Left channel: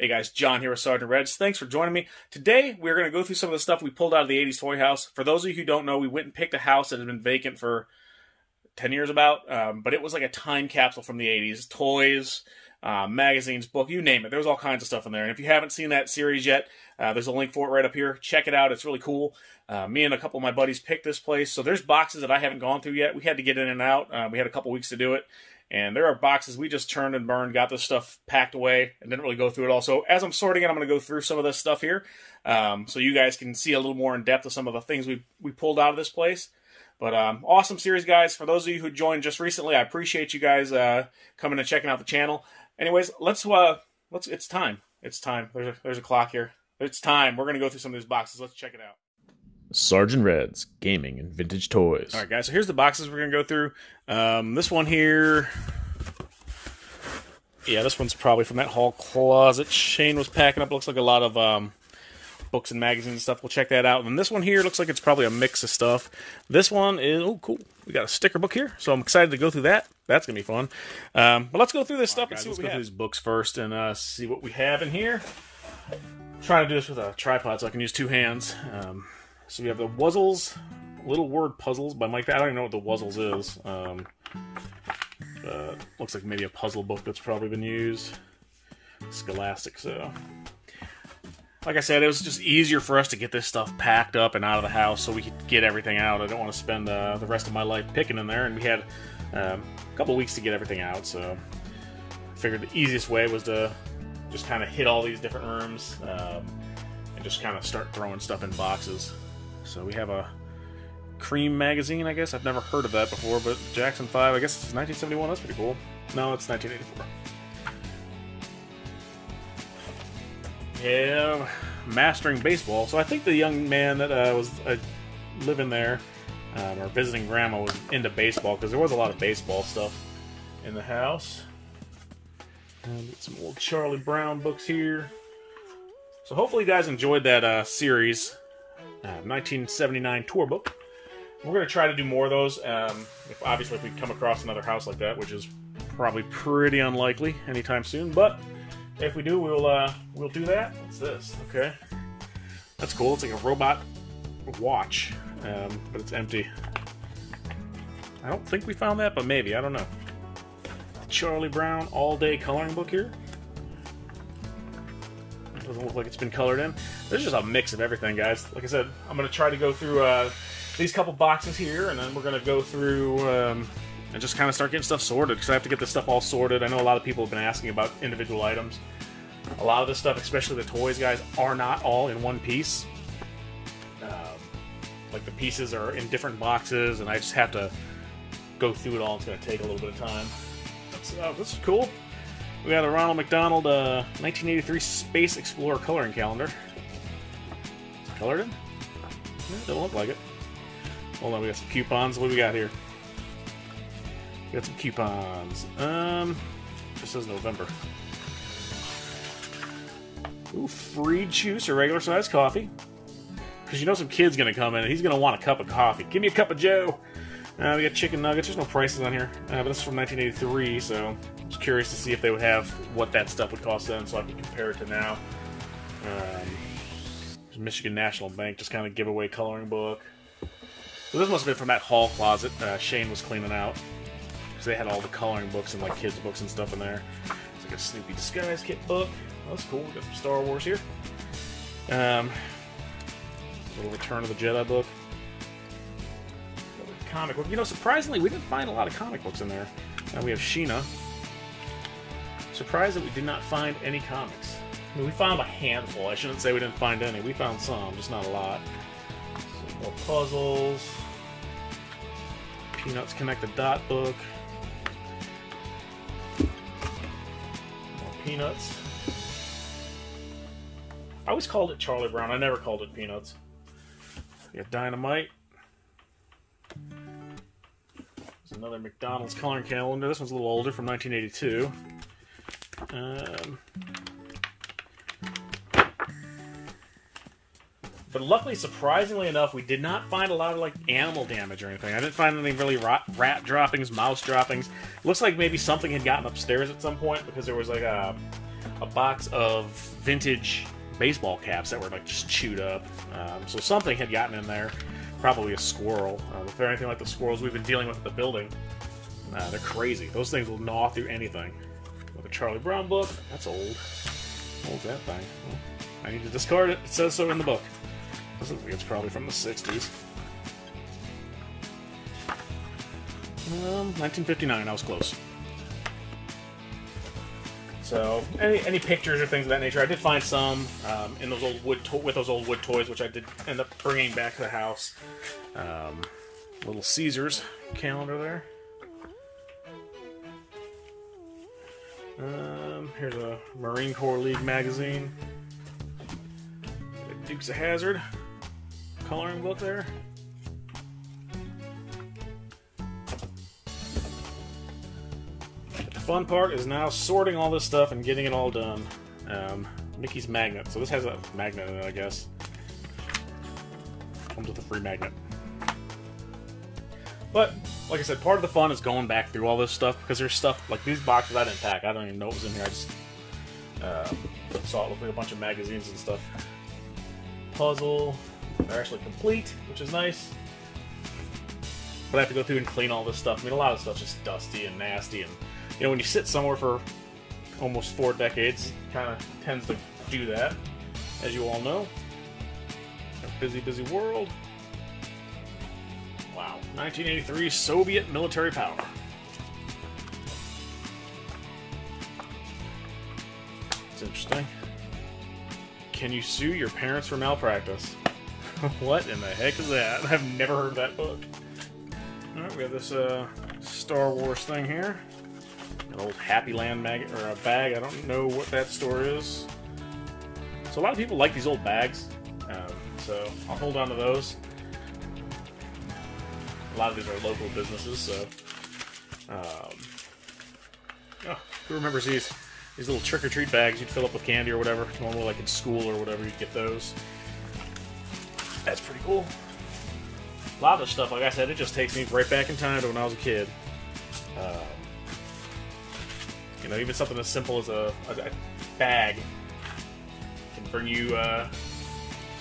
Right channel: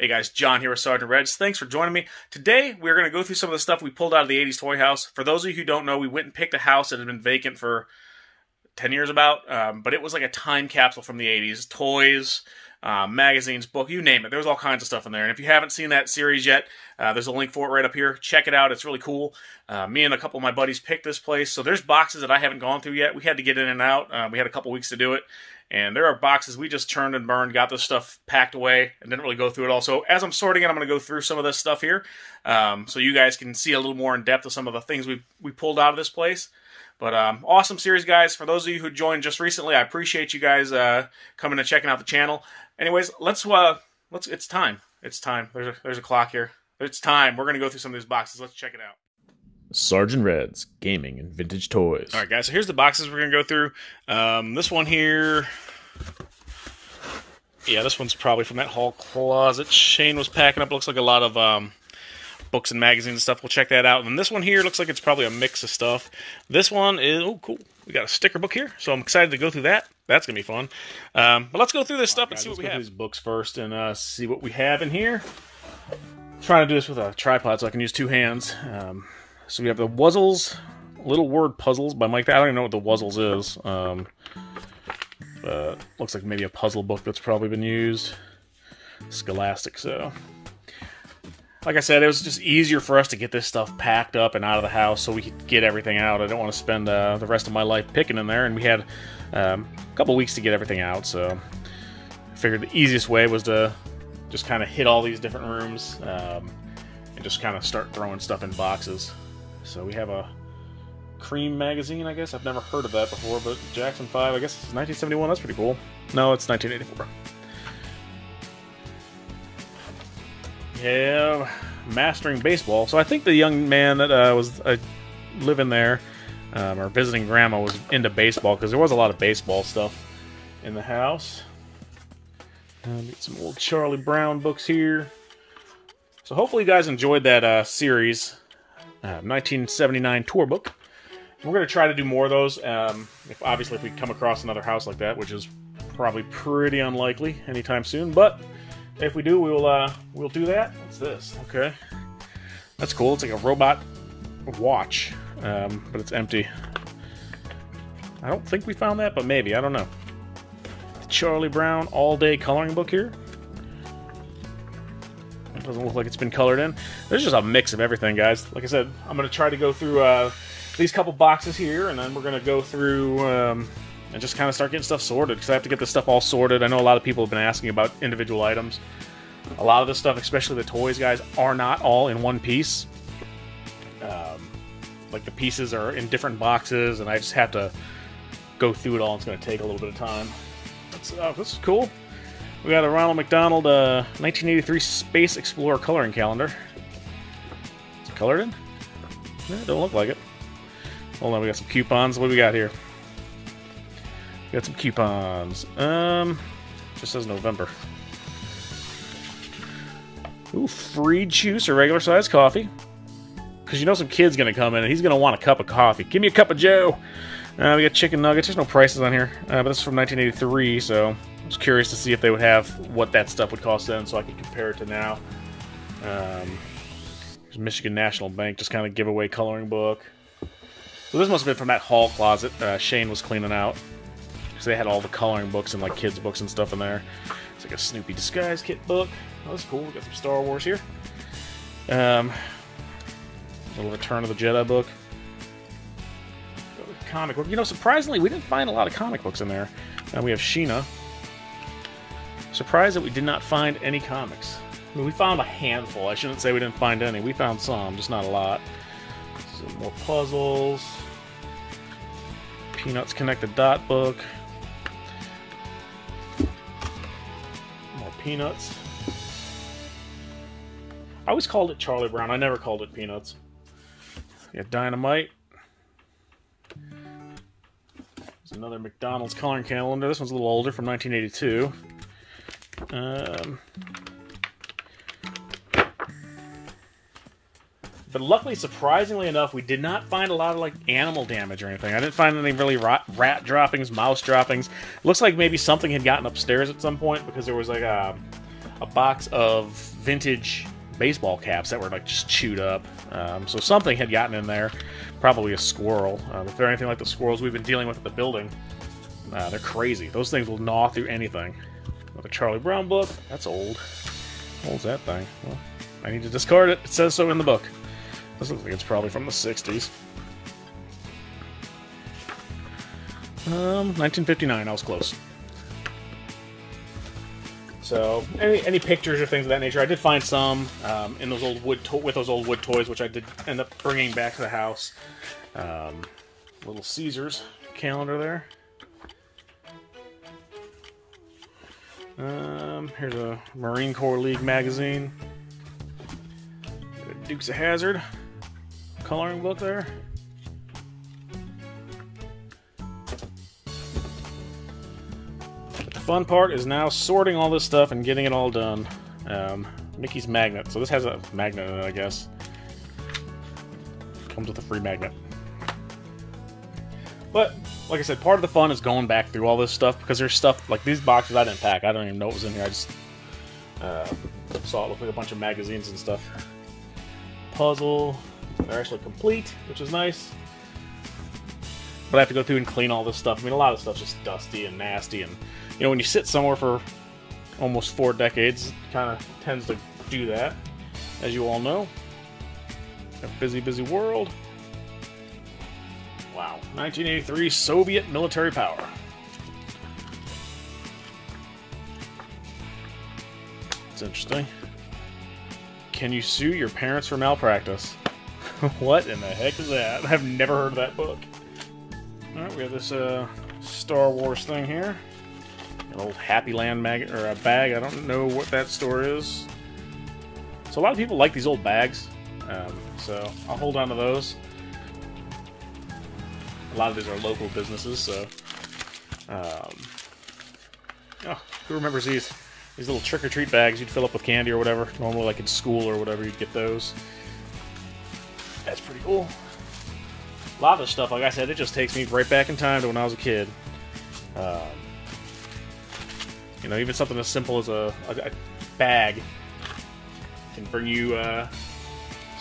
Hey guys, John here with Sergeant Reds. Thanks for joining me. Today, we're going to go through some of the stuff we pulled out of the 80s toy house. For those of you who don't know, we went and picked a house that had been vacant for 10 years about, but it was like a time capsule from the 80s. Toys, magazines, book, you name it. There was all kinds of stuff in there. And if you haven't seen that series yet, there's a link for it right up here. Check it out. It's really cool. Me and a couple of my buddies picked this place. So there's boxes that I haven't gone through yet. We had to get in and out. We had a couple weeks to do it. And there are boxes we just turned and burned, got this stuff packed away, and didn't really go through it all. So as I'm sorting it, I'm going to go through some of this stuff here, so you guys can see a little more in depth of some of the things we pulled out of this place. But awesome series, guys. For those of you who joined just recently, I appreciate you guys coming and checking out the channel. Anyways, let's it's time. It's time. There's a clock here. It's time. We're going to go through some of these boxes. Let's check it out. Sergeant Red's Gaming and Vintage Toys. All right, guys, so here's the boxes we're going to go through. This one here, yeah, this one's probably from that hall closet Shane was packing up. It looks like a lot of books and magazines and stuff. We'll check that out. And this one here looks like it's probably a mix of stuff. This one is, oh, cool. We got a sticker book here, so I'm excited to go through that. That's going to be fun. But let's go through this stuff and see what we have. Let's go through these books first and see what we have in here. I'm trying to do this with a tripod so I can use two hands. So we have the Wuzzles, Little Word Puzzles by Mike. I don't even know what the Wuzzles is. Looks like maybe a puzzle book that's probably been used. Scholastic, so. Like I said, it was just easier for us to get this stuff packed up and out of the house so we could get everything out. I don't want to spend the rest of my life picking in there, and we had a couple weeks to get everything out, so I figured the easiest way was to just kind of hit all these different rooms and just kind of start throwing stuff in boxes. So we have a Cream magazine, I guess. I've never heard of that before, but Jackson 5, I guess it's 1971. That's pretty cool. No, it's 1984. Yeah, Mastering Baseball. So I think the young man that was living there or visiting Grandma was into baseball because there was a lot of baseball stuff in the house. And get some old Charlie Brown books here. So hopefully you guys enjoyed that series. 1979 tour book. We're going to try to do more of those, obviously if we come across another house like that, which is probably pretty unlikely anytime soon, but if we do, we'll do that. What's this? Okay. That's cool. It's like a robot watch, but it's empty. I don't think we found that, but maybe. I don't know. Charlie Brown all-day coloring book here. It doesn't look like it's been colored in. There's just a mix of everything, guys. Like I said, I'm going to try to go through these couple boxes here, and then we're going to go through and just kind of start getting stuff sorted, because I have to get this stuff all sorted. I know a lot of people have been asking about individual items. A lot of this stuff, especially the toys, guys, are not all in one piece. Like the pieces are in different boxes, and I just have to go through it all. It's going to take a little bit of time. This is cool. We got a Ronald McDonald 1983 Space Explorer coloring calendar. Is it colored in? No, it don't look like it. Hold on, we got some coupons. What do we got here? We got some coupons. Just says November. Ooh, free juice or regular size coffee. Because you know some kid's going to come in and he's going to want a cup of coffee. Give me a cup of Joe. We got chicken nuggets. There's no prices on here. But this is from 1983, so I was curious to see if they would have what that stuff would cost then so I could compare it to now. Michigan National Bank, just kind of giveaway coloring book. So this must have been from that hall closet Shane was cleaning out. So they had all the coloring books and like kids' books and stuff in there. It's like a Snoopy Disguise Kit book. Oh, that's cool. We got some Star Wars here. A little Return of the Jedi book. Comic book. You know, surprisingly, we didn't find a lot of comic books in there. We have Sheena. Surprised that we did not find any comics. I mean, we found a handful. I shouldn't say we didn't find any. We found some, just not a lot. Some more puzzles. Peanuts Connected Dot book. More Peanuts. I always called it Charlie Brown. I never called it Peanuts. We got Dynamite. There's another McDonald's coloring calendar. This one's a little older, from 1982. But luckily, surprisingly enough, we did not find a lot of like animal damage or anything. I didn't find any really rat droppings, mouse droppings. Looks like maybe something had gotten upstairs at some point because there was like a a box of vintage baseball caps that were like just chewed up. So something had gotten in there, probably a squirrel. If they're anything like the squirrels we've been dealing with at the building, they're crazy. Those things will gnaw through anything. With a Charlie Brown book, that's old. How old's that thing? Well, I need to discard it. It says so in the book. This looks like it's probably from the 60s. 1959, I was close. So, any pictures or things of that nature? I did find some in those old with those old wood toys, which I did end up bringing back to the house. Little Caesars calendar there. Here's a Marine Corps League magazine. Dukes of Hazzard coloring book there. But the fun part is now sorting all this stuff and getting it all done. Mickey's magnet. So this has a magnet in it, I guess. Comes with a free magnet. But, like I said, part of the fun is going back through all this stuff, because there's stuff, like these boxes I didn't pack. I don't even know what was in here. I just saw it look like a bunch of magazines and stuff. Puzzle. They're actually complete, which is nice. But I have to go through and clean all this stuff. I mean, a lot of stuff's just dusty and nasty, and, you know, when you sit somewhere for almost 4 decades, it kind of tends to do that, as you all know. A busy, busy world. 1983 Soviet military power. It's interesting. Can you sue your parents for malpractice? What in the heck is that? I've never heard of that book. Alright, we have this Star Wars thing here. An old Happy Land bag. I don't know what that store is. So a lot of people like these old bags. So I'll hold on to those. A lot of these are local businesses, so who remembers these little trick-or-treat bags you'd fill up with candy or whatever? Normally, like in school or whatever, you'd get those. That's pretty cool. A lot of this stuff, like I said, it just takes me right back in time to when I was a kid. You know, even something as simple as a bag can bring you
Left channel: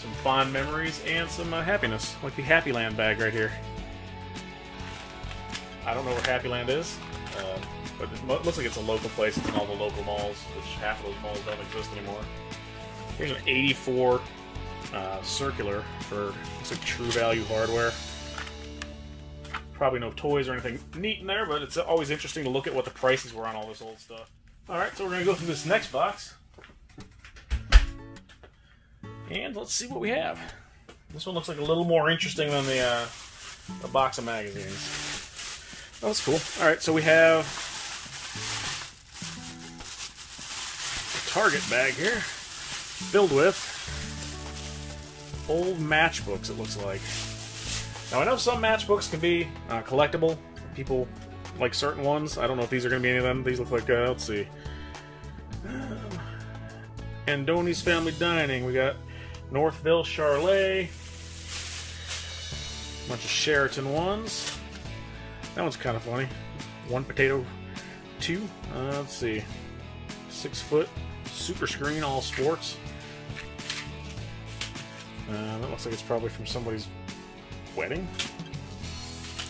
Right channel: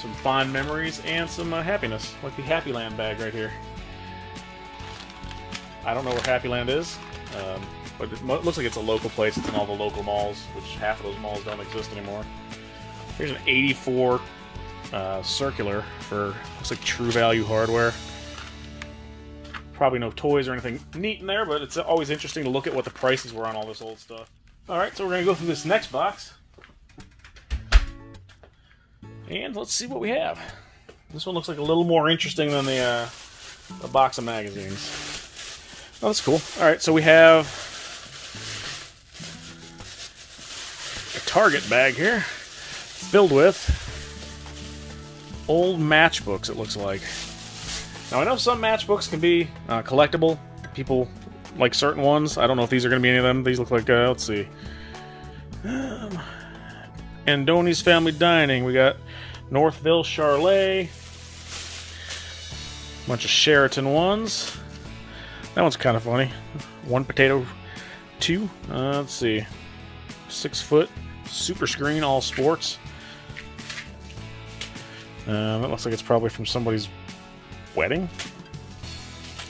some fond memories and some happiness, like the Happy Land bag right here. I don't know where Happy Land is, but it looks like it's a local place. It's in all the local malls, which half of those malls don't exist anymore. There's an 84 circular for, looks like True Value hardware. Probably no toys or anything neat in there, but it's always interesting to look at what the prices were on all this old stuff. Alright, so we're going to go through this next box. And let's see what we have. This one looks like a little more interesting than the box of magazines. Oh, that's cool. Alright, so we have a Target bag here filled with old matchbooks, it looks like. Now, I know some matchbooks can be collectible. People like certain ones. I don't know if these are going to be any of them. These look like, let's see. Andoni's Family Dining. We got Northville Charlet. Bunch of Sheraton ones. That one's kind of funny. One potato, two. Let's see. 6 foot super screen all sports. That looks like it's probably from somebody's wedding.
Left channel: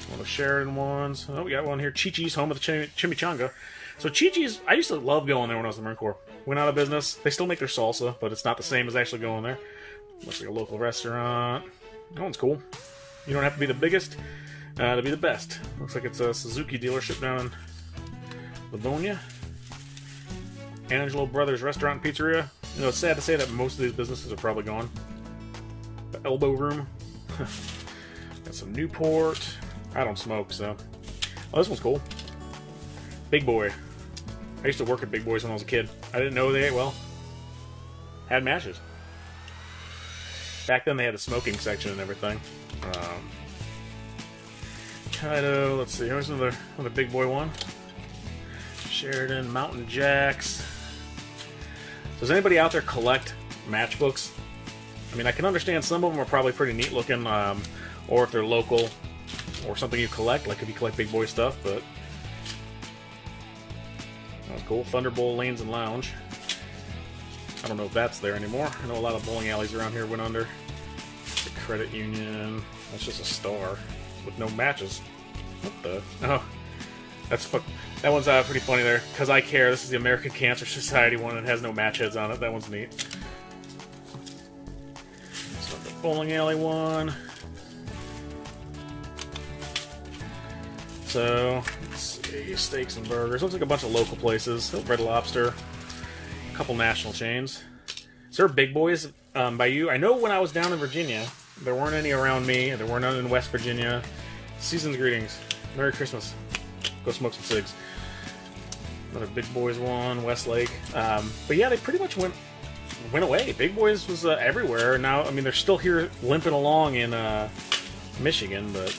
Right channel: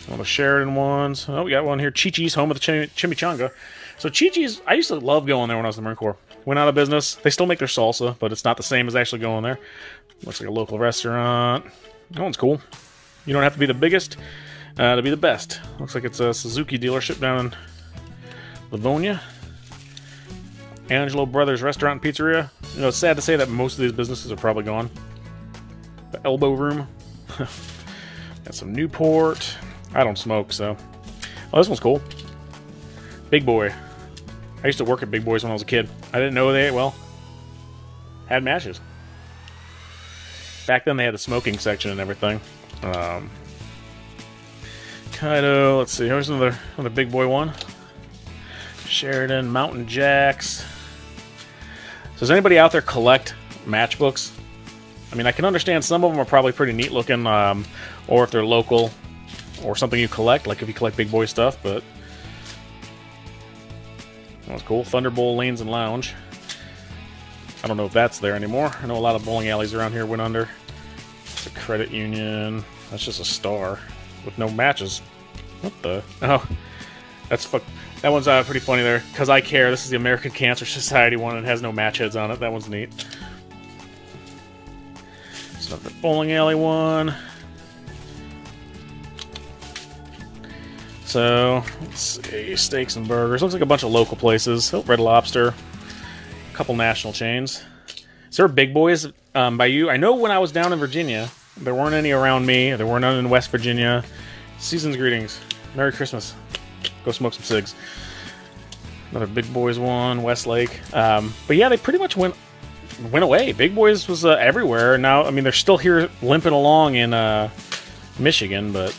One of Sheridan ones. Oh, we got one here. Chi-Chi's Home of the Chimichanga. So Chi-Chi's, I used to love going there when I was in the Marine Corps. Went out of business. They still make their salsa, but it's not the same as actually going there. Looks like a local restaurant. That one's cool. You don't have to be the biggest to be the best. Looks like it's a Suzuki dealership down in Livonia. Angelo Brothers Restaurant and Pizzeria. You know, it's sad to say that most of these businesses are probably gone. The Elbow Room. Got some Newport. I don't smoke, so... Oh, this one's cool. Big Boy. I used to work at Big Boys when I was a kid. I didn't know they, well, had matches. Back then they had a smoking section and everything. Kaido, let's see, here's another Big Boy one. Sheridan, Mountain Jacks. So does anybody out there collect matchbooks? I mean, I can understand some of them are probably pretty neat looking, or if they're local, or something you collect, like if you collect Big Boy stuff, but... That was cool. Thunderbolt Lanes and Lounge. don't know if that's there anymore. I know a lot of bowling alleys around here went under. The credit union. That's just a star with no matches. What the? Oh, that's that one's pretty funny there. Cause I Care. This is the American Cancer Society one and has no match heads on it. That one's neat. So the bowling alley one. So let's see, steaks and burgers. Looks like a bunch of local places. Oh, Red Lobster. A couple national chains. Is there Big Boys by you? I know when I was down in Virginia, there weren't any around me. There weren't none in West Virginia. Season's greetings. Merry Christmas. Go smoke some cigs. Another Big Boys one, Westlake. But yeah, they pretty much went away. Big Boys was everywhere. Now, I mean, they're still here limping along in Michigan, but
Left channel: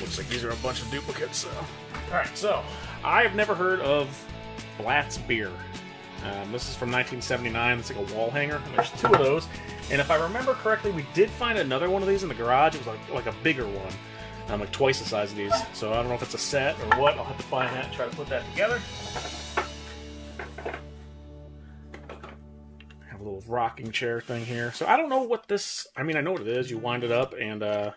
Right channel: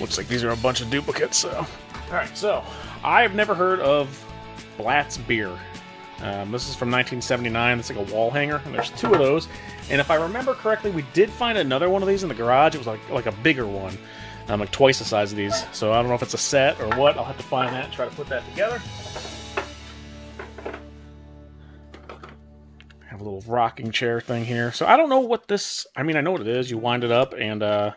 looks like these are a bunch of duplicates. So, all right. So, I've never heard of Blatt's beer. This is from 1979. It's like a wall hanger, and there's 2 of those. And if I remember correctly, we did find another one of these in the garage. It was like a bigger one. Like twice the size of these. So I don't know if it's a set or what. I'll have to find that and try to put that together. Have a little rocking chair thing here. So I don't know what this... I mean, I know what it is. You wind it up and I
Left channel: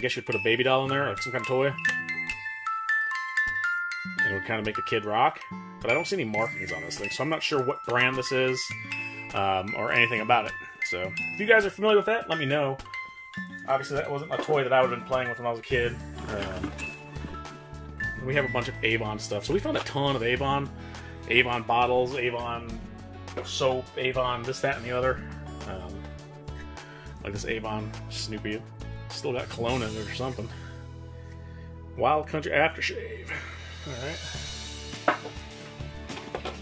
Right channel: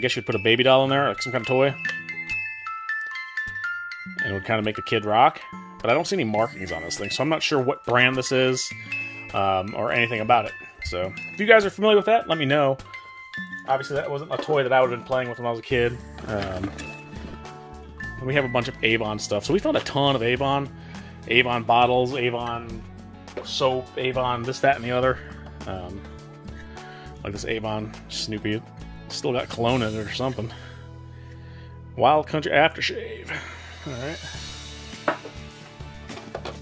guess you'd put a baby doll in there, like some kind of toy. And it would kind of make a kid rock. But I don't see any markings on this thing, so I'm not sure what brand this is or anything about it. So if you guys are familiar with that, let me know. Obviously, that wasn't a toy that I would have been playing with when I was a kid. We have a bunch of Avon stuff. So we found a ton of Avon bottles, Avon soap, Avon this, that, and the other. Like this Avon Snoopy. It's still got cologne in it or something. Wild Country Aftershave. Alright.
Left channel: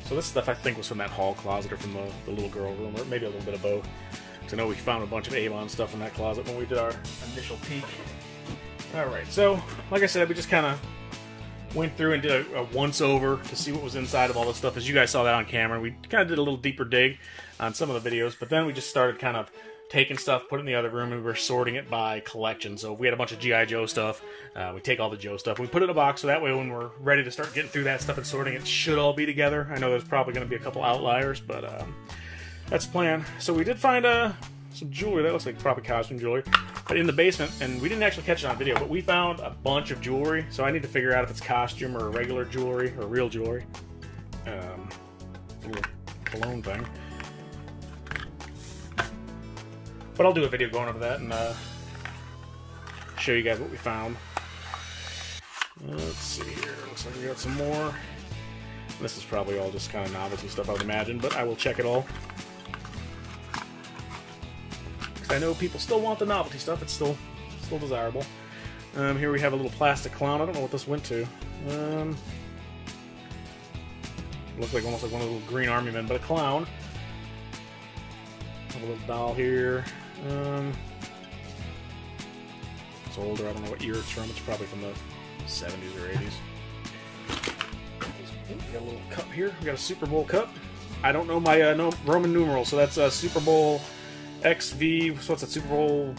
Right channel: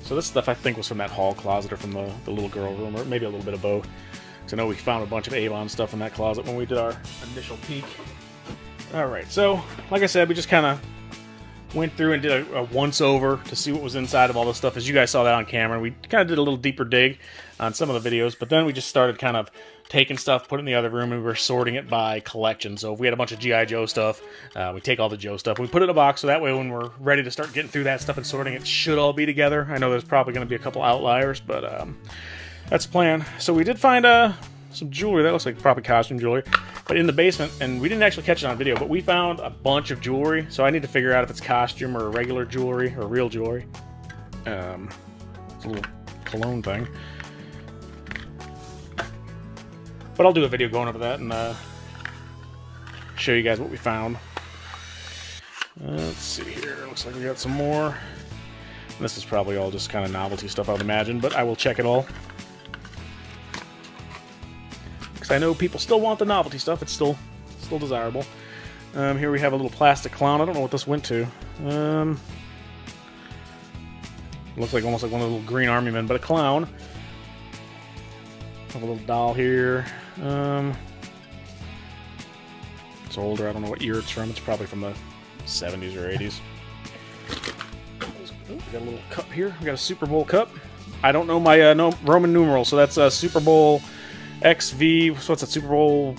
So this stuff I think was from that hall closet or from the little girl room, or maybe a little bit of both. I know we found a bunch of Avon stuff in that closet when we did our initial peek. Alright, so, like I said, we just kind of went through and did a once-over to see what was inside of all this stuff. As you guys saw that on camera, we kind of did a little deeper dig on some of the videos, but then we just started kind of taking stuff, put it in the other room, and we were sorting it by collection. So if we had a bunch of G.I. Joe stuff, we take all the Joe stuff, we put it in a box, so that way when we're ready to start getting through that stuff and sorting it, should all be together. I know there's probably going to be a couple outliers, but that's the plan. So we did find some jewelry. That looks like probably costume jewelry. But in the basement, and we didn't actually catch it on video, but we found a bunch of jewelry. So I need to figure out if it's costume or regular jewelry or real jewelry. It's a little cologne thing. But I'll do a video going over that and show you guys what we found. Let's see here. Looks like we got some more. This is probably all just kind of novelty stuff, I would imagine, but I will check it all. Because I know people still want the novelty stuff. It's still desirable. Here we have a little plastic clown. I don't know what this went to. Looks like almost like one of the little green army men, but a clown. Have a little doll here. It's older. I don't know what year it's from. It's probably from the 70s or 80s. We got a little cup here. We got a Super Bowl cup. I don't know my no Roman numerals, so that's Super Bowl XV. So what's that? Super Bowl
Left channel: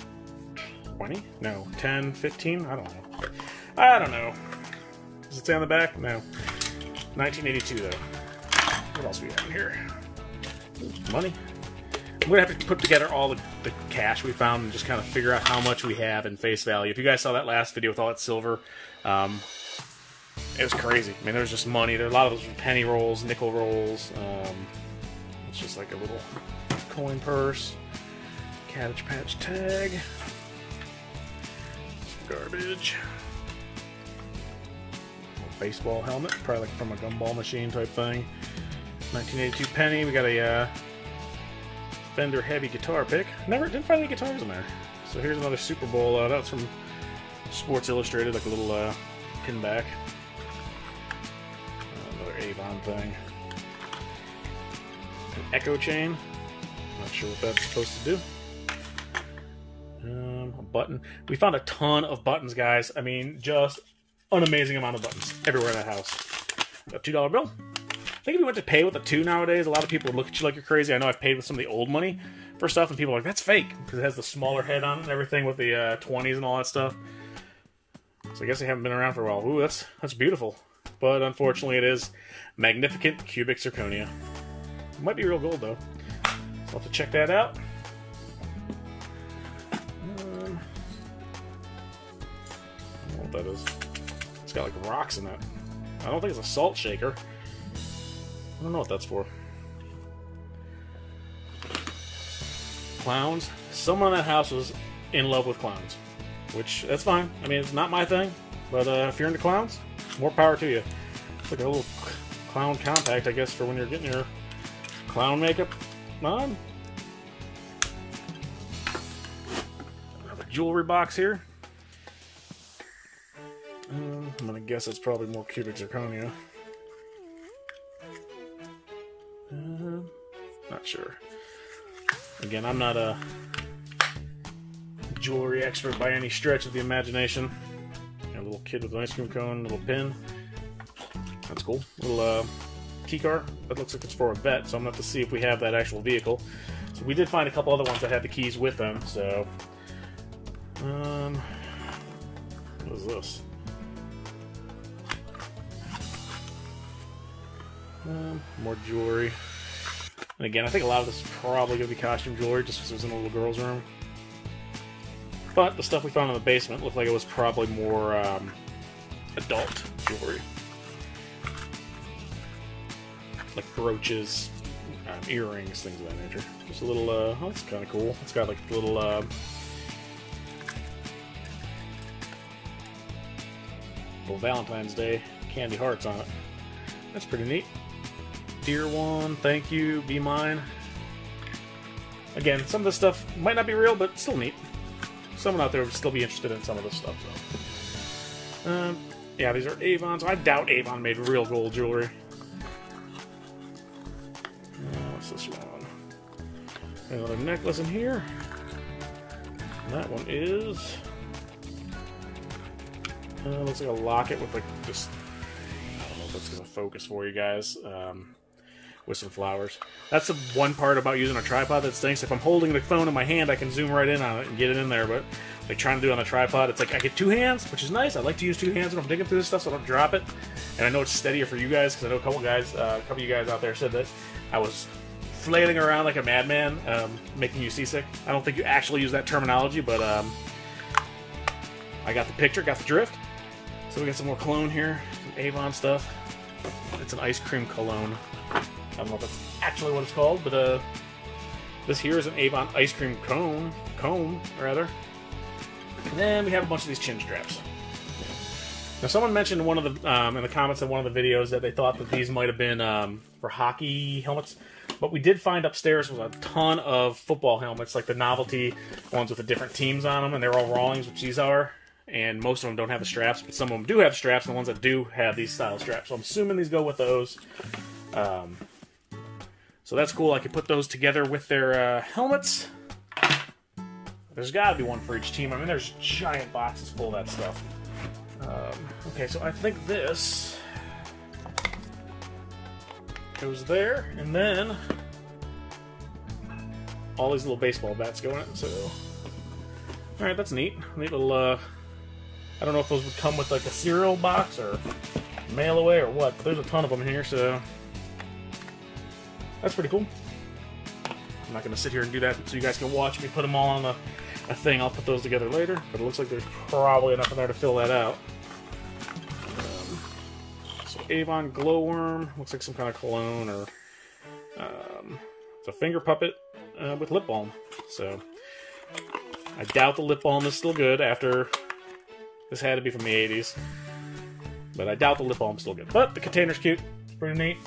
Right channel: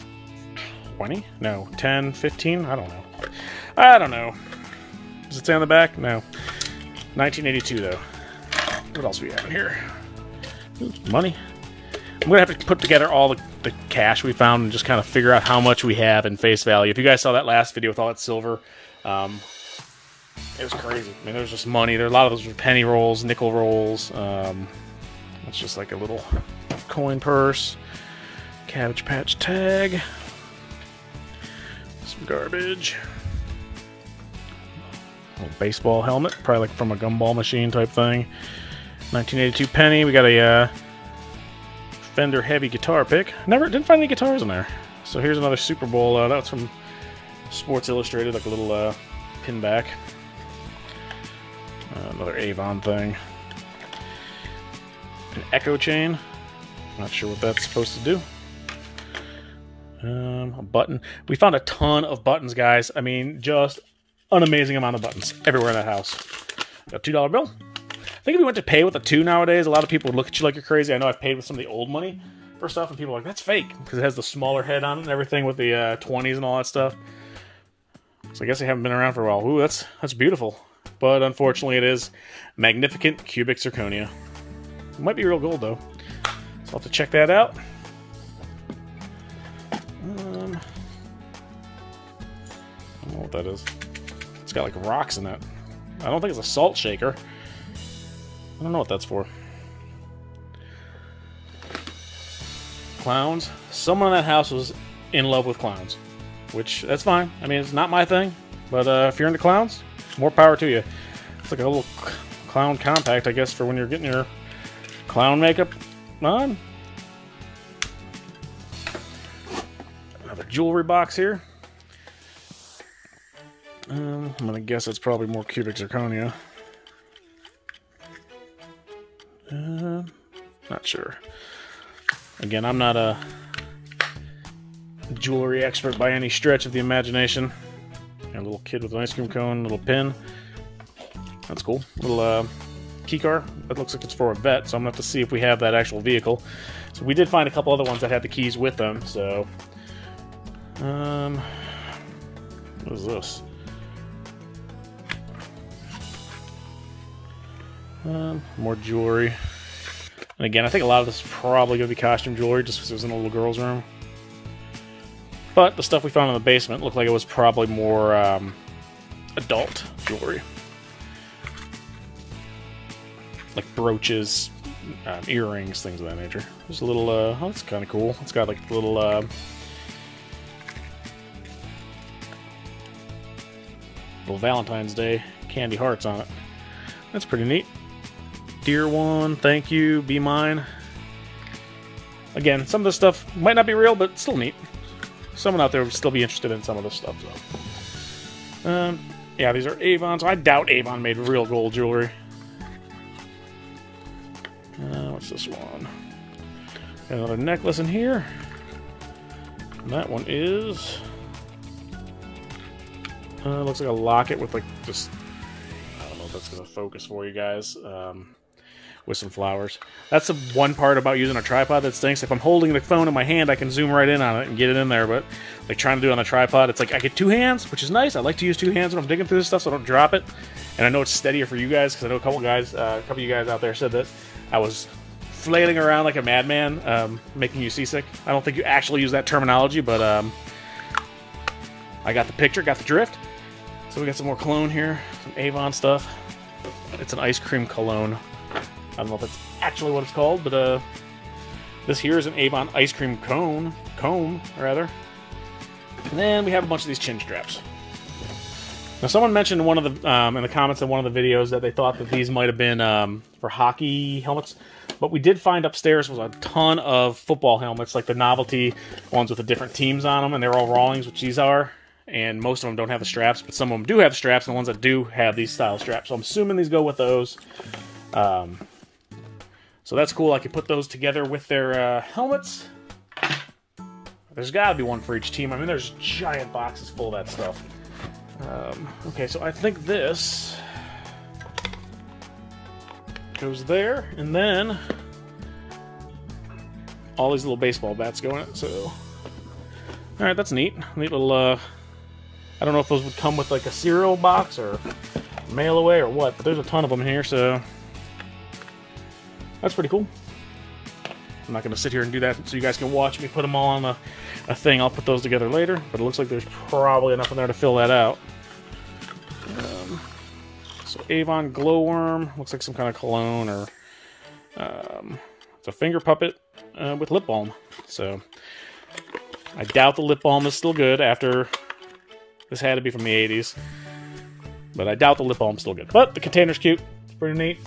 20? No, 10, 15? I don't know. I don't know. Does it say on the back? No. 1982 though. What else we have in here? Money. I'm going to have to put together all the cash we found and just kind of figure out how much we have in face value. If you guys saw that last video with all that silver, it was crazy. I mean, there's just money. There's a lot of those penny rolls, nickel rolls. It's just like a little coin purse. Cabbage Patch tag. Some garbage. A baseball helmet, probably like from a gumball machine type thing. 1982 penny. We got a Fender heavy guitar pick. Didn't find any guitars in there. So here's another Super Bowl. That's from Sports Illustrated, like a little pin back. Another Avon thing. An echo chain. Not sure what that's supposed to do. A button. We found a ton of buttons, guys. I mean, just an amazing amount of buttons everywhere in that house. A $2 bill. I think if you went to pay with a 2 nowadays, a lot of people would look at you like you're crazy. I know I've paid with some of the old money for stuff, and people are like, that's fake, because it has the smaller head on it and everything with the 20s and all that stuff. So I guess they haven't been around for a while. Ooh, that's beautiful. But unfortunately, it is magnificent cubic zirconia. It might be real gold, though. So I'll have to check that out. I don't know what that is. It's got like rocks in it. I don't think it's a salt shaker. I don't know what that's for. Clowns. Someone in that house was in love with clowns. Which, that's fine. I mean, it's not my thing. But if you're into clowns, more power to you. It's like a little clown compact, I guess, for when you're getting your clown makeup on. Another jewelry box here. I'm gonna guess it's probably more cubic zirconia. Not sure. Again, I'm not a jewelry expert by any stretch of the imagination. Got a little kid with an ice cream cone, little pin. That's cool. Little key car. That looks like it's for a vet, so I'm gonna have to see if we have that actual vehicle. So we did find a couple other ones that had the keys with them. So, what is this? More jewelry. And again, I think a lot of this is probably going to be costume jewelry just because it was in a little girl's room. But the stuff we found in the basement looked like it was probably more adult jewelry. Like brooches, earrings, things of that nature. Just a little, oh, that's kind of cool. It's got like little Valentine's Day candy hearts on it. That's pretty neat. Dear one, thank you, be mine. Again, some of this stuff might not be real, but still neat. Someone out there would still be interested in some of this stuff. So. Yeah, these are Avon, so I doubt Avon made real gold jewelry. What's this one? Another necklace in here. And that one is... looks like a locket with like just... I don't know if that's going to focus for you guys. With some flowers. That's the one part about using a tripod that stinks. If I'm holding the phone in my hand, I can zoom right in on it and get it in there, but like trying to do it on the tripod, it's like I get two hands, which is nice. I like to use two hands when I'm digging through this stuff so I don't drop it. And I know it's steadier for you guys, because I know a couple of you guys out there said that I was flailing around like a madman, making you seasick. I don't think you actually use that terminology, but I got the picture, got the drift. So we got some more cologne here, some Avon stuff. It's an ice cream cologne. I don't know if that's actually what it's called, but this here is an Avon ice cream comb, rather. And then we have a bunch of these chin straps. Now, someone mentioned in one of the in the comments in one of the videos that they thought that these might have been for hockey helmets. What we did find upstairs was a ton of football helmets, like the novelty ones with the different teams on them, and they're all Rawlings, which these are. And most of them don't have the straps, but some of them do have straps, and the ones that do have these style straps. So I'm assuming these go with those. So that's cool. I can put those together with their helmets. There's got to be one for each team. I mean, there's giant boxes full of that stuff. Okay, so I think this goes there, and then all these little baseball bats go in it. So, all right, that's neat. Neat little. I don't know if those would come with like a cereal box or mail away or what, but there's a ton of them here, so that's pretty cool. I'm not going to sit here and do that so you guys can watch me put them all on a thing. I'll put those together later, but it looks like there's probably enough in there to fill that out. So Avon Glowworm, looks like some kind of cologne, or it's a finger puppet with lip balm. So I doubt the lip balm is still good after... This had to be from the 80s. But I doubt the lip balm's still good. But the container's cute. It's pretty neat.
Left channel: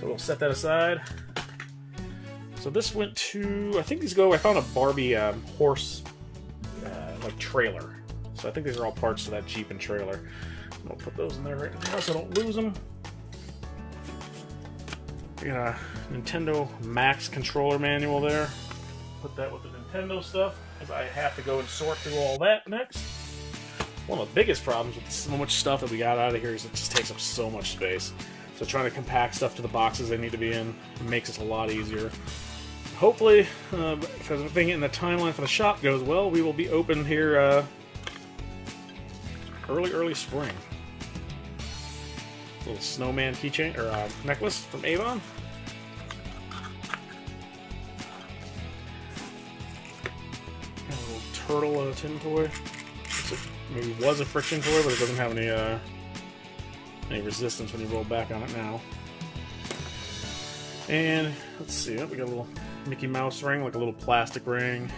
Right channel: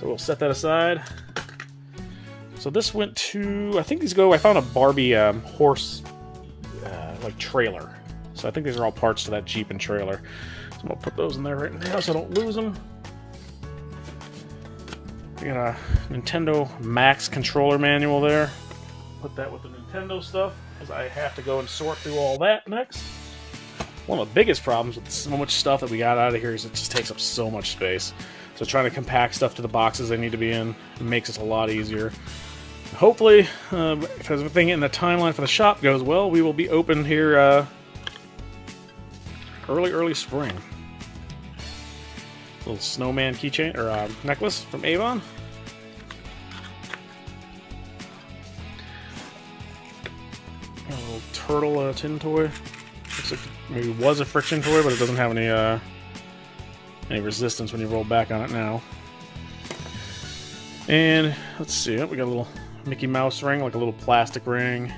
So we'll set that aside. So this went to... I think these go... I found a Barbie horse like trailer. So I think these are all parts to that Jeep and trailer. So I'm going to put those in there right now so I don't lose them. We got a Nintendo Max controller manual there. Put that with the Nintendo stuff, because I have to go and sort through all that next. One of the biggest problems with so much stuff that we got out of here is it just takes up so much space. So trying to compact stuff to the boxes they need to be in makes it a lot easier. Hopefully, if everything in the timeline for the shop goes well, we will be open here early spring. Little Snowman Keychain, or necklace from Avon. turtle tin toy. Looks like maybe it was a friction toy, but it doesn't have any resistance when you roll back on it now. And let's see, we got a little Mickey Mouse ring, like a little plastic ring.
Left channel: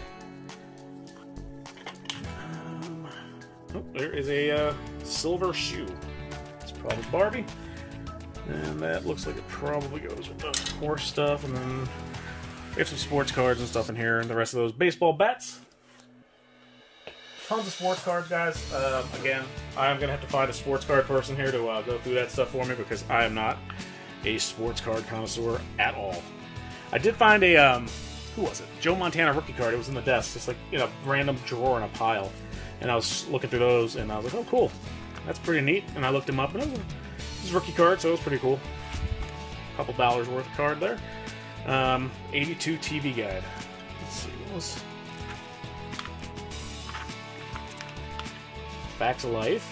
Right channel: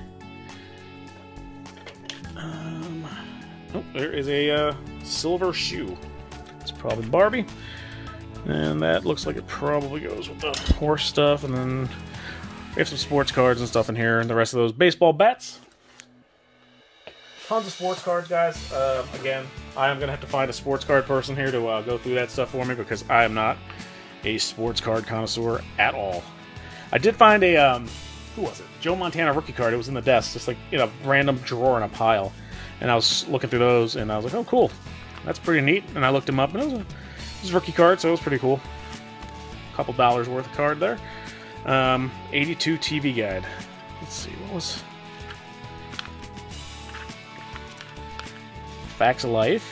Oh, there is a silver shoe. It's probably Barbie. And that looks like it probably goes with the horse stuff. And then we have some sports cards and stuff in here. And the rest of those baseball bats. Tons of sports cards, guys. Again, I am going to have to find a sports card person here to go through that stuff for me, because I am not a sports card connoisseur at all. I did find a, who was it? Joe Montana rookie card. It was in the desk, just like in a random drawer in a pile. And I was looking through those, and I was like, oh, cool. That's pretty neat. And I looked him up, and it was his rookie card, so it was pretty cool. A couple dollars worth of card there. 82 TV guide. Let's see, what was... Facts of Life.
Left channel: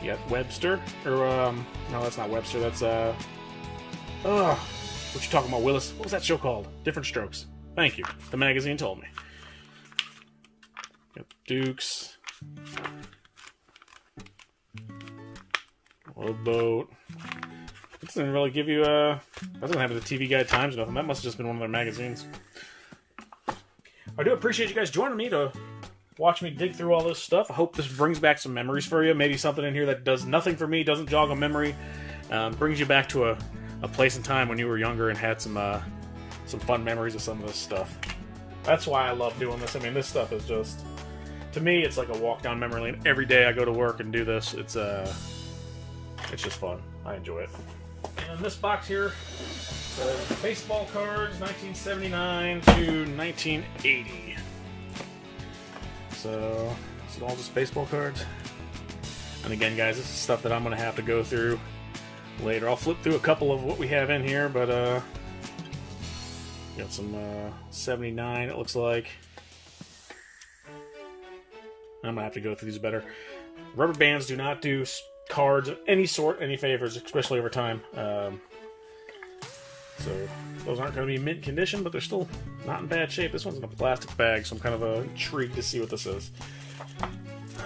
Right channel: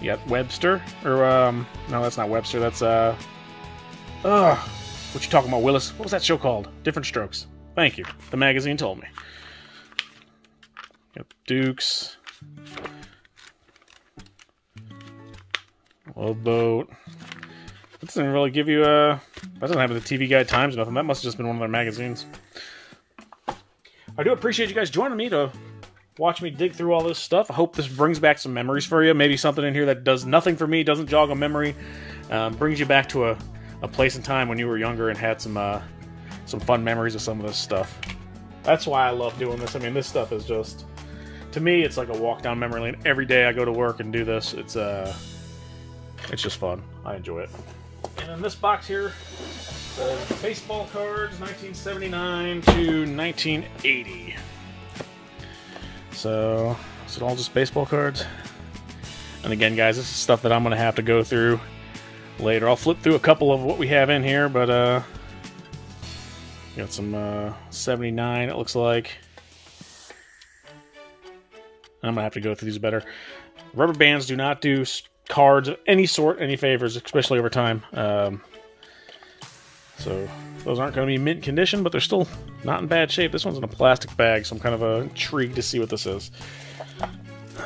You got Webster, or, no, that's not Webster, that's, what you talking about, Willis? What was that show called? Different Strokes. Thank you. The magazine told me. Got Dukes. Love Boat. It doesn't really give you, that doesn't have the TV Guide Times or nothing. That must have just been one of their magazines. I do appreciate you guys joining me to watch me dig through all this stuff. I hope this brings back some memories for you. Maybe something in here that does nothing for me, doesn't jog a memory, brings you back to a place and time when you were younger and had some fun memories of some of this stuff. That's why I love doing this. I mean, this stuff is just, to me, it's like a walk down memory lane. Every day I go to work and do this. It's just fun. I enjoy it. And in this box here, baseball cards, 1979 to 1980. So, is it all just baseball cards? And again, guys, this is stuff that I'm going to have to go through later. I'll flip through a couple of what we have in here, but got some 79, it looks like. I'm going to have to go through these better. Rubber bands do not do cards of any sort, any favors, especially over time. So those aren't going to be mint condition, but they're still not in bad shape. This one's in a plastic bag, so I'm kind of intrigued to see what this is. I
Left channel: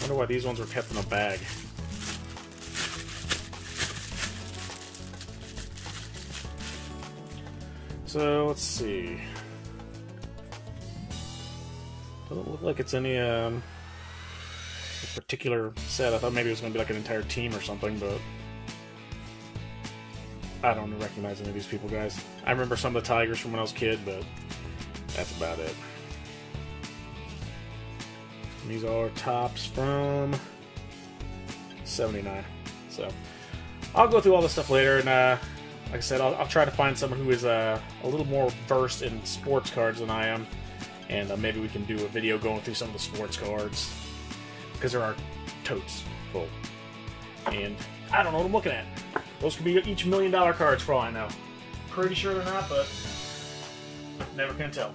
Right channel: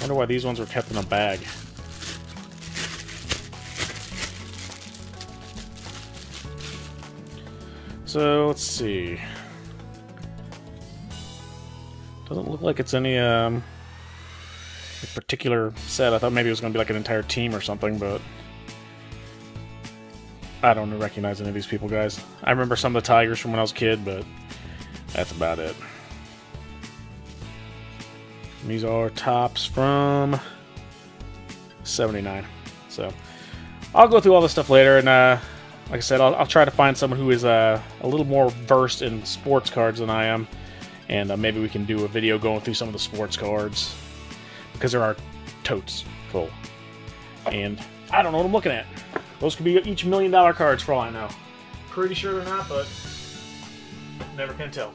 wonder why these ones are kept in a bag. So let's see. Doesn't look like it's any particular set. I thought maybe it was going to be like an entire team or something, but I don't recognize any of these people, guys. I remember some of the Tigers from when I was a kid, but that's about it. And these are tops from 79. So I'll go through all this stuff later, and like I said, I'll try to find someone who is a little more versed in sports cards than I am, and maybe we can do a video going through some of the sports cards, because there are totes full. And I don't know what I'm looking at. Those could be each $1 million cards for all I know. Pretty sure they're not, but never can tell.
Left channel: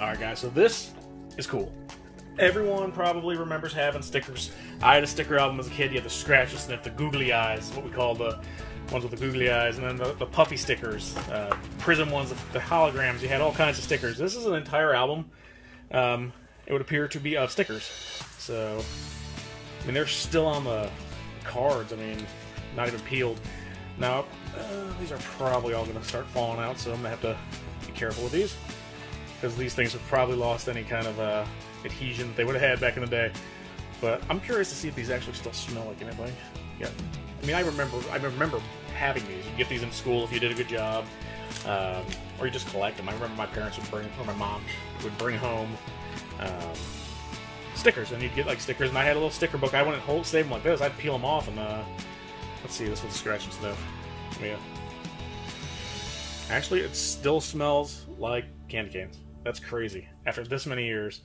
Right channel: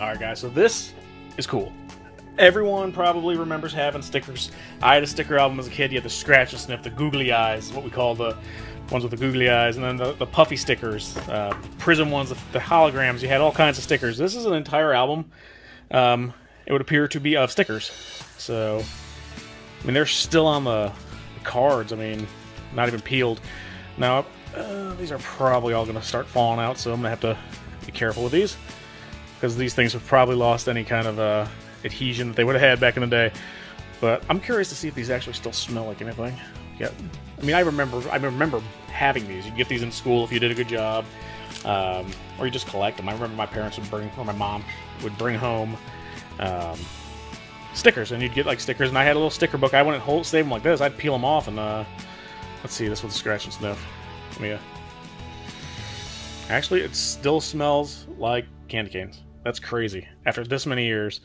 Alright guys, so this is cool. Everyone probably remembers having stickers. I had a sticker album as a kid. You had the Scratch and Sniff, the googly eyes, what we call the ones with the googly eyes, and then the puffy stickers, prism ones, the holograms. You had all kinds of stickers. This is an entire album. It would appear to be of stickers. So, I mean, they're still on the cards. I mean, not even peeled. Now, these are probably all going to start falling out, so I'm going to have to be careful with these, because these things have probably lost any kind of adhesion that they would have had back in the day. But I'm curious to see if these actually still smell like anything. Yeah, I mean, I remember having these. You could get these in school if you did a good job, or you just collect them. I remember my parents would bring, or my mom would bring home stickers, and you'd get like stickers, and I had a little sticker book. I wouldn't save them like this. I'd peel them off, and let's see, this one's Scratch and Sniff. Yeah, actually, it still smells like candy canes. That's crazy. After this many years,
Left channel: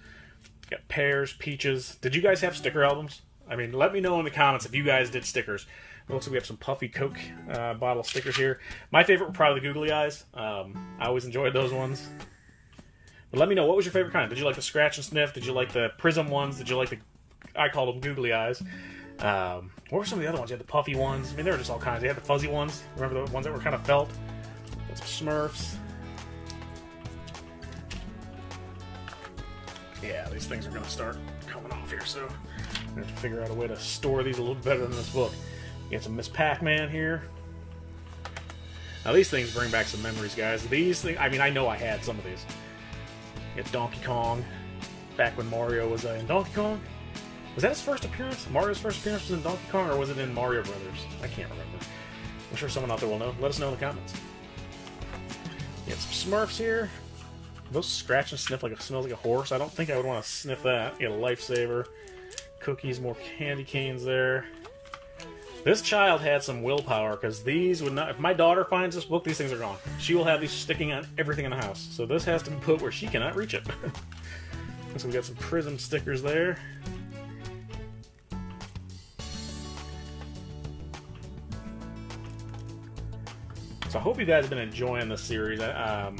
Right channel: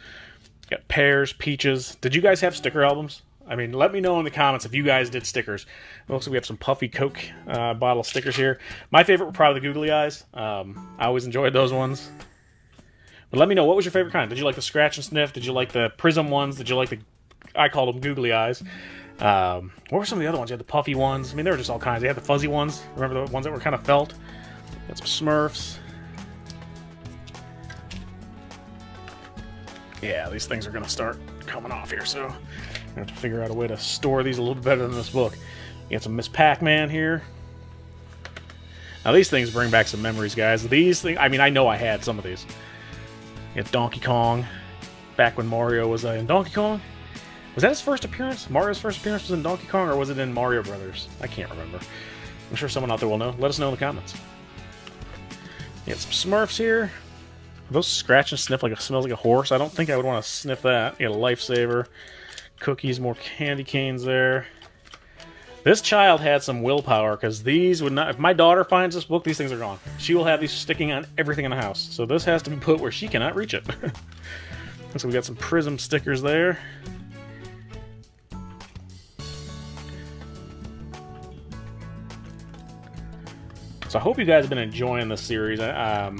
got pears, peaches. Did you guys have sticker albums? I mean, let me know in the comments if you guys did stickers. It looks like we have some puffy Coke bottle stickers here. My favorite were probably the googly eyes. I always enjoyed those ones. But let me know, what was your favorite kind? Did you like the Scratch and Sniff? Did you like the prism ones? Did you like the, I called them googly eyes. What were some of the other ones? You had the puffy ones. I mean, there were just all kinds. You had the fuzzy ones. Remember the ones that were kind of felt? Got some Smurfs. Yeah, these things are going to start coming off here, so I'm going to have to figure out a way to store these a little better than this book. You got some Miss Pac-Man here. Now, these things bring back some memories, guys. These things, I mean, I know I had some of these. You got Donkey Kong, back when Mario was in Donkey Kong. Was that his first appearance? Mario's first appearance was in Donkey Kong, or was it in Mario Brothers? I can't remember. I'm sure someone out there will know. Let us know in the comments. You got some Smurfs here. Those scratch and sniff like it smells like a horse. I don't think I would want to sniff that. You got a Lifesaver. Cookies, more candy canes there. This child had some willpower, because these would not... If my daughter finds this book, these things are gone. She will have these sticking on everything in the house. So this has to be put where she cannot reach it. So we got some Prism stickers there. So I hope you guys have been enjoying this series. I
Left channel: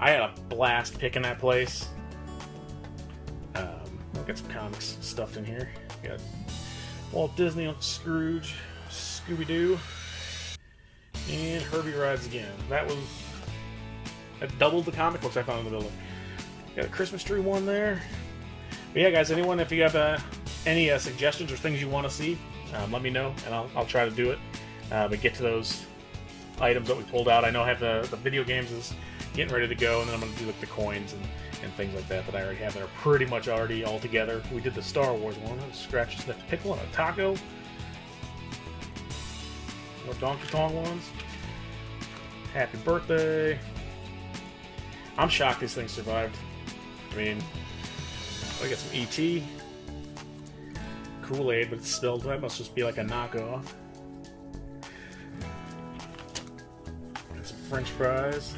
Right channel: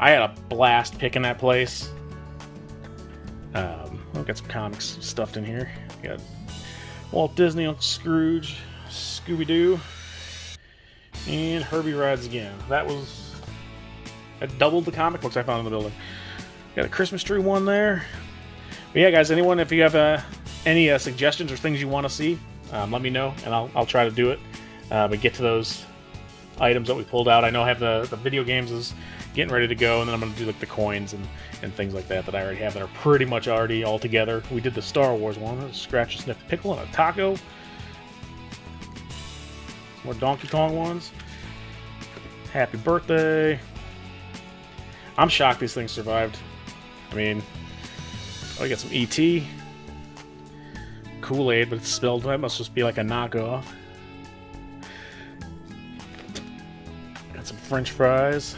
had a blast picking that place. We've got some comics stuffed in here. We got Walt Disney, Uncle Scrooge, Scooby-Doo, and Herbie Rides Again. That doubled the comic books I found in the building. Got a Christmas tree one there. But yeah, guys, anyone, if you have any suggestions or things you want to see, let me know, and I'll try to do it. But get to those items that we pulled out. I know I have the video games is getting ready to go, and then I'm going to do like the coins and things like that I already have that are pretty much already all together. We did the Star Wars one, a Scratch Sniff Pickle and a taco. More Donkey Kong ones. Happy birthday. I'm shocked these things survived. I mean, I got some E.T. Kool-Aid, but it's spelled. That must just be like a knockoff. Got some French fries.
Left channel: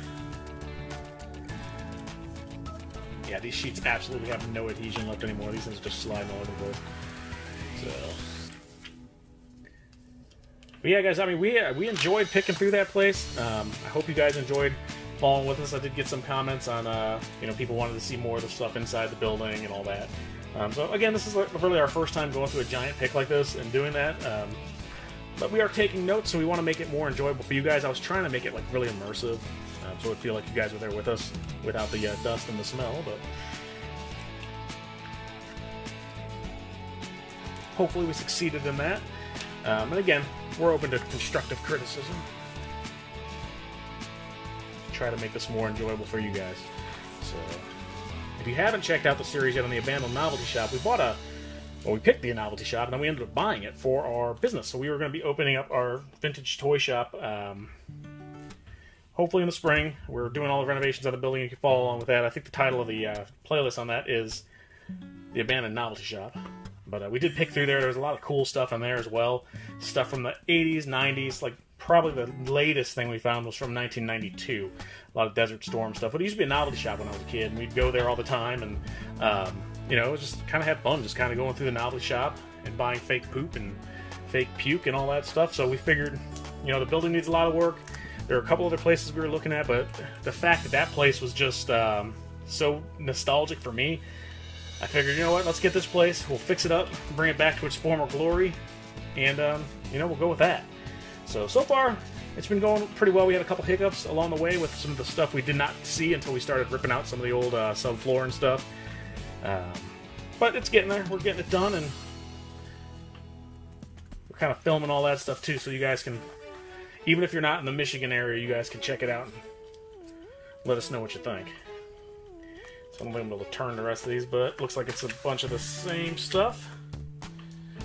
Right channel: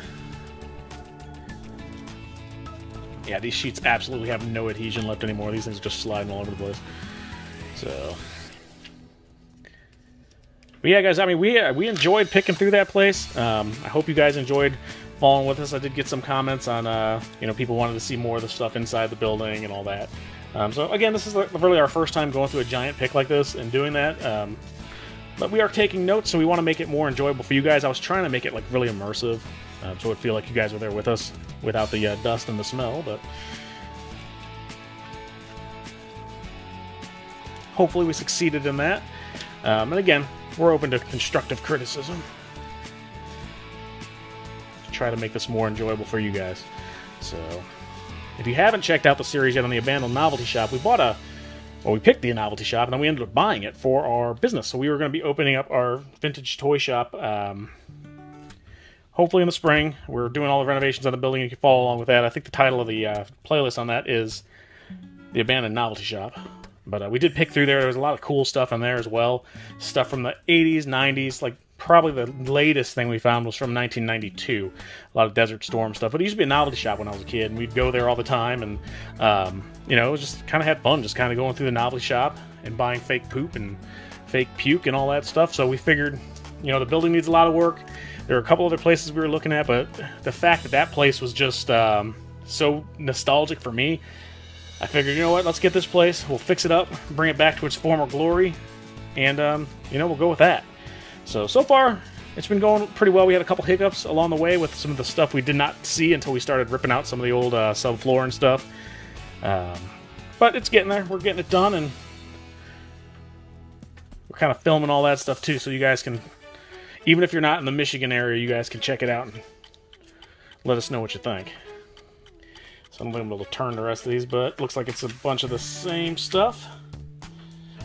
Yeah, these sheets absolutely have no adhesion left anymore. These things are just sliding all over the place. So, but yeah, guys, I mean, we enjoyed picking through that place. I hope you guys enjoyed following with us. I did get some comments on, people wanted to see more of the stuff inside the building and all that. So again, this is really our first time going through a giant pick like this and doing that. But we are taking notes, so we want to make it more enjoyable for you guys. I was trying to make it like really immersive, so it would feel like you guys were there with us without the dust and the smell. But hopefully we succeeded in that. And again, we're open to constructive criticism. Try to make this more enjoyable for you guys. So, if you haven't checked out the series yet on the Abandoned Novelty Shop, we picked the novelty shop, and then we ended up buying it for our business. So we were going to be opening up our vintage toy shop, hopefully in the spring. We're doing all the renovations on the building. You can follow along with that. I think the title of the playlist on that is The Abandoned Novelty Shop. But we did pick through there. There was a lot of cool stuff in there as well. Stuff from the 80s, 90s, like probably the latest thing we found was from 1992. A lot of Desert Storm stuff. But it used to be a novelty shop when I was a kid, and we'd go there all the time, and it was just kind of had fun, just kind of going through the novelty shop and buying fake poop and fake puke and all that stuff. So we figured, the building needs a lot of work. There were a couple other places we were looking at, but the fact that place was just so nostalgic for me, I figured, you know what, let's get this place, we'll fix it up, bring it back to its former glory, and, we'll go with that. So far, it's been going pretty well. We had a couple hiccups along the way with some of the stuff we did not see until we started ripping out some of the old subfloor and stuff. But it's getting there. We're getting it done, and we're kind of filming all that stuff too, so you guys can, even if you're not in the Michigan area, you guys can check it out and let us know what you think. So I'm going to be able to turn the rest of these, but it looks like it's a bunch of the same stuff.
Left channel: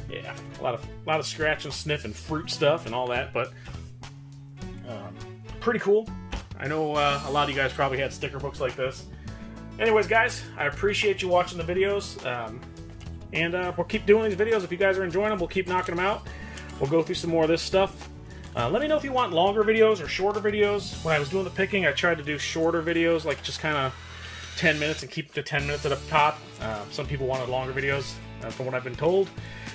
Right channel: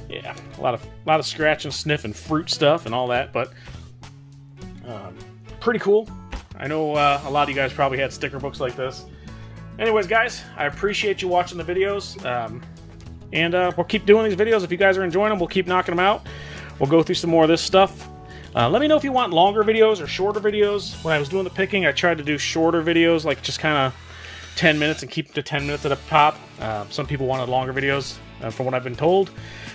Yeah, a lot of scratch and sniff and fruit stuff and all that, but pretty cool. I know a lot of you guys probably had sticker books like this. Anyways, guys, I appreciate you watching the videos, and we'll keep doing these videos. If you guys are enjoying them, we'll keep knocking them out. We'll go through some more of this stuff. Let me know if you want longer videos or shorter videos. When I was doing the picking, I tried to do shorter videos, like just kind of 10 minutes and keep it to 10 minutes at a pop. Some people wanted longer videos, from what I've been told.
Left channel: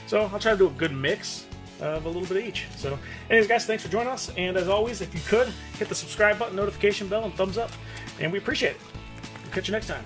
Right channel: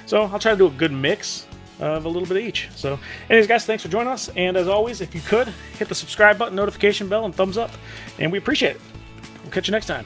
So I'll try to do a good mix of a little bit of each. So anyways, guys, thanks for joining us. And as always, if you could, hit the subscribe button, notification bell, and thumbs up. And we appreciate it. We'll catch you next time.